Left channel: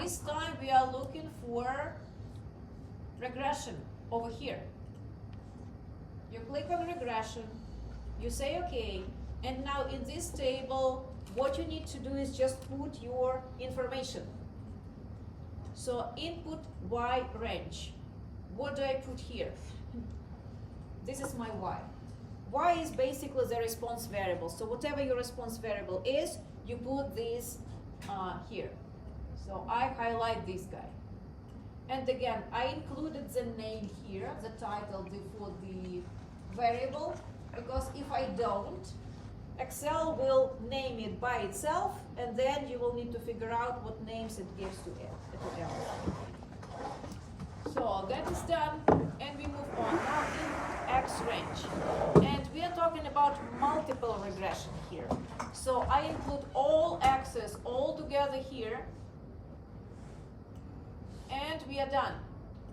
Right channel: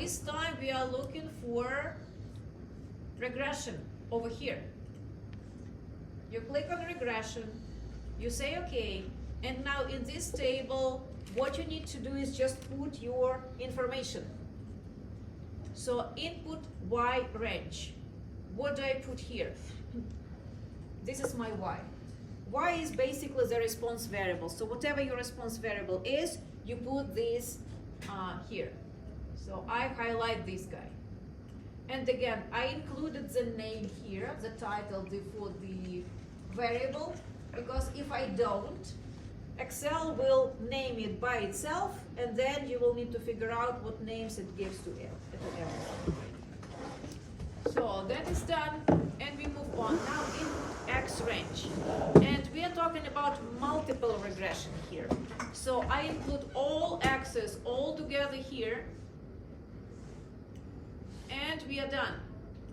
this time we are looking for regression over here. You click on regression, you say okay, and now in this table, what you need to do is just put your information. So input Y range. What do I put here? This is my Y. Y is basically the response variable. So whatever your response variable is, you put this here. So I highlight this guy. And again, I included the name here, the title for the variable, because if I don't, Excel will name it by itself, and then you will need to figure out what names it gives to everything. So that is done, and we move on. Now input X range. And we are talking about multiple regression here. So I include all X's all together here, and we are done.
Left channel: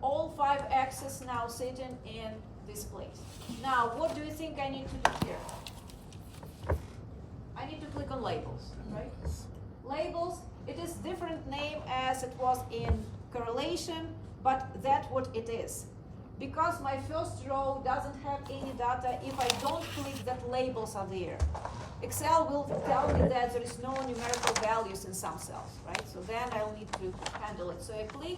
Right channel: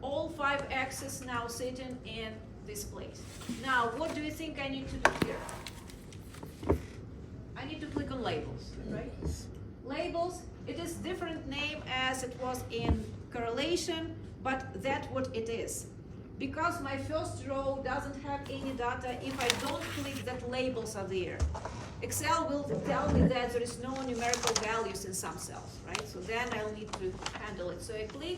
All 5 X's now sitting in this place. Now, what do you think I need to do here? I need to click on labels, right? Labels, it is different name as it was in correlation, but that's what it is. Because my first row doesn't have any data, if I don't click that labels are there, Excel will tell me that there is no numerical values in some cells, right? So then I'll need to handle it. So I click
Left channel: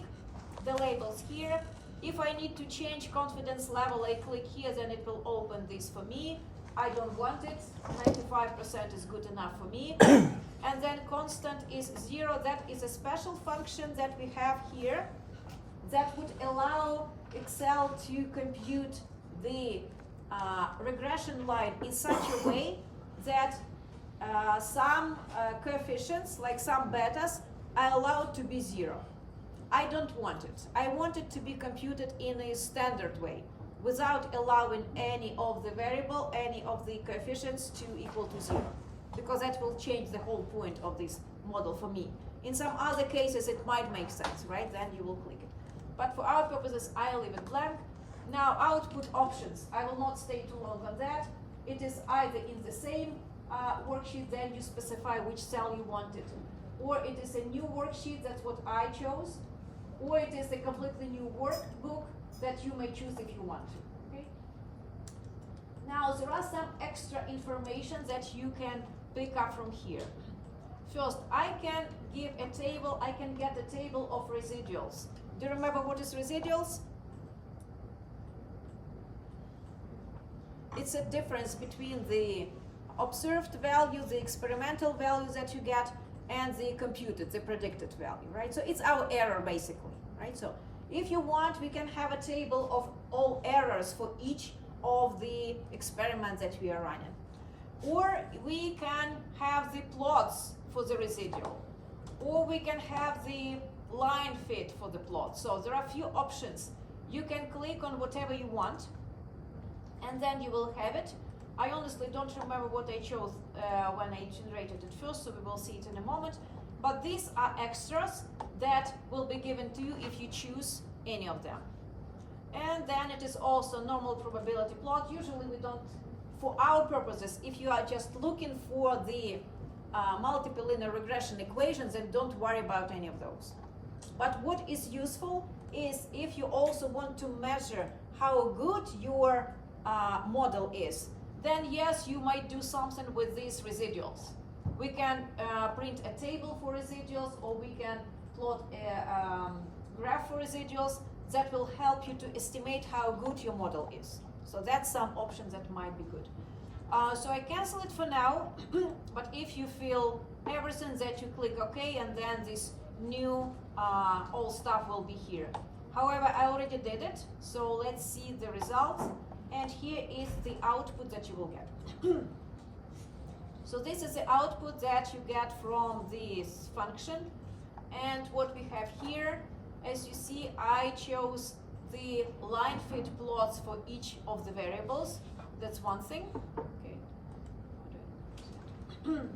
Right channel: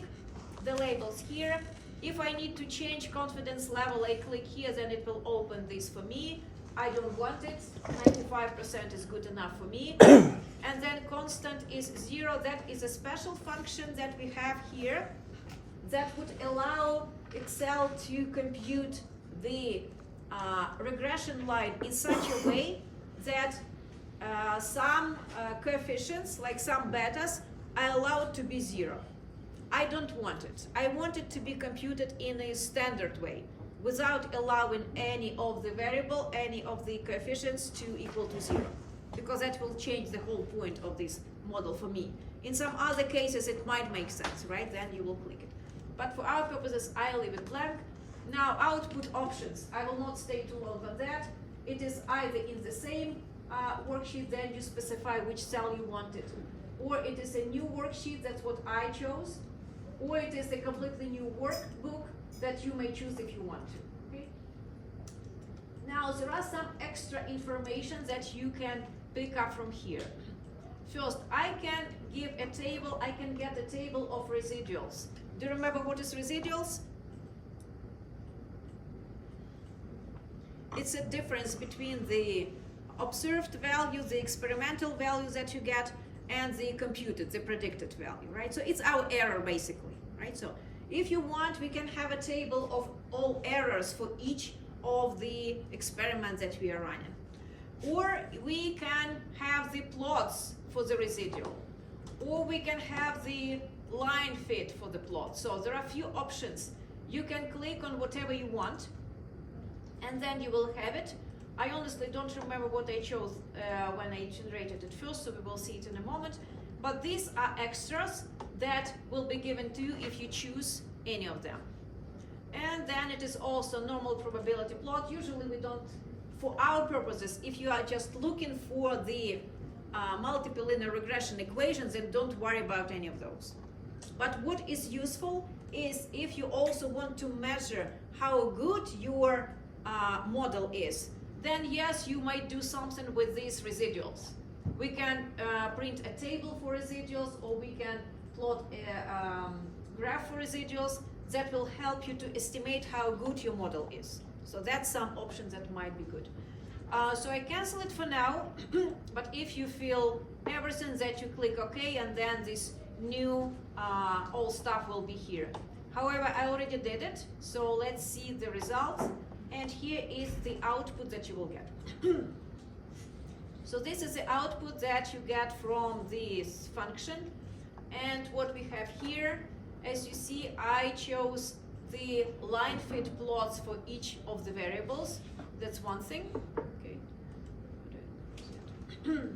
the labels here. If I need to change confidence level, I click here, then it will open this for me. I don't want it, 95% is good enough for me. And then constant is 0, that is a special function that we have here that would allow Excel to compute the regression line in such a way that some coefficients, like some betas, are allowed to be 0. I don't want it. I want it to be computed in a standard way, without allowing any of the variable, any of the coefficients to equal to 0, because that will change the whole point of this model for me. In some other cases, it might make sense, right? Then you will click it. But for our purposes, I'll leave it blank. Now, output options. I will not stay too long on that. It is either in the same worksheet, then you specify which cell you want it, or it is a new worksheet, that's what I chose, or it is a completely new workbook that you may choose if you want to. Okay? Now, there are some extra information that you can pick up from here. First, I can give a table, I can get a table of residuals. Do you remember what is residuals? It's a difference between the observed value, the experimental value that you get, and the computed, the predicted value, right? So it's our error basically, right? So if you want, we can have a table of all errors for each of the experiments that we are running. Or we can have the plots for the residual. Or we can have the line fit for the plot. So there are a few options. You can click on whatever you want, and then you will have it. I honestly don't remember what I chose when I generated it first, so we will see it in a moment. But these are extras that will be given to you if you choose any of them. And then it is also normal probability plot. Usually we don't, for our purposes, if you are just looking for the multiple linear regression equations, then don't worry about any of those. But what is useful is if you also want to measure how good your model is, then yes, you might do something with these residuals. We can print a table for residuals, or we can plot a graph for residuals that will help you to estimate how good your model is. So that's some options that might be good. So I cancel it for now, but if you feel everything, that you click OK, and then this new all stuff will be here. However, I already did it, so let's see the results. And here is the output that you will get. So this is the output that you get from this function. And what we have here, as you see, I chose the line fit plots for each of the variables. That's one thing. Okay.